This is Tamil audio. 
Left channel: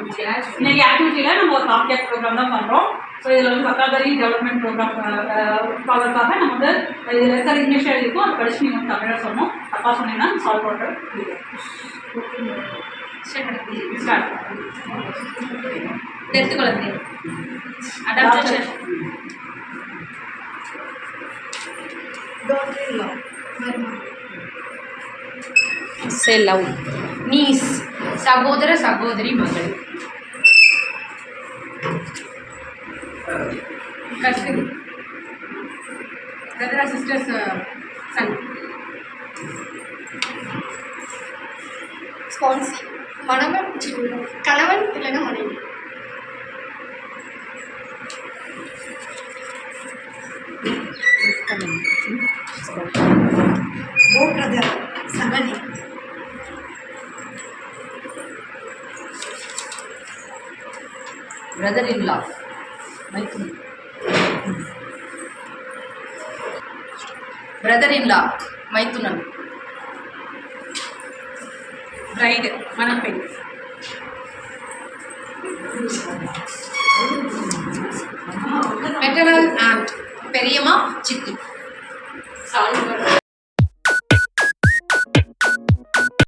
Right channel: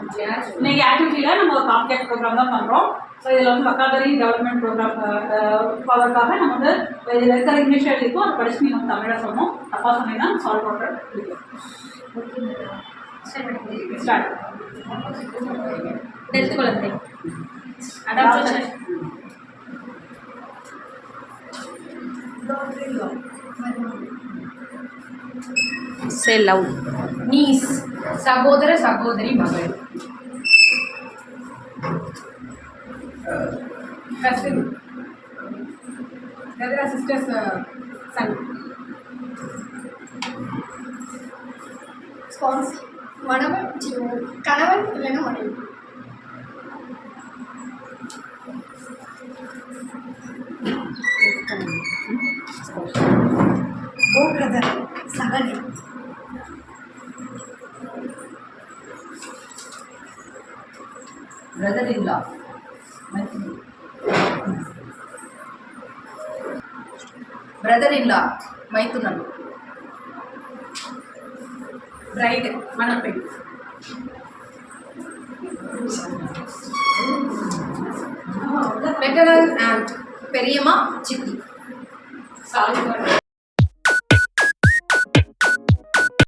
இன்னைக்கு ஆக்டிவிட்டியில் நம்ம ஒரு காம்ப்ளெக்ஸ் ப்ரோக்ராம் தான் பண்ணுறோம். ஸோ இதில் வந்து வக்காபரி டெவலப்மெண்ட் ப்ரோக்ராம் ஃபாலோக்காக நம்ம வந்து இதில் இருக்கிற இங்கிலீஷ் எழுதிக்கும் அதை படித்து நீங்கள் வந்து தமிழாக சொன்னோம். தப்பாக சொன்னீங்கன்னா சால்வ் பண்ணுற ஸ்டார்ட் எடுத்துக்கொள்ளுங்க. Adaptation Say loud. நீஸ் சகோதர சகோதரி மகள். Cousin brother sisters son. Spouse மணவன் கணவன் இல்லைன்னா மனைவி. ஓ பிரதர் சகதி. பிரதர் இன் லா மைத்துனி. பிரதர் இன் லா மைத்துனன். பிரைடு மணப்பெண். மெட்டர்னல் ஆண்ட் பெரியம்மா சித்தி. சால்வ்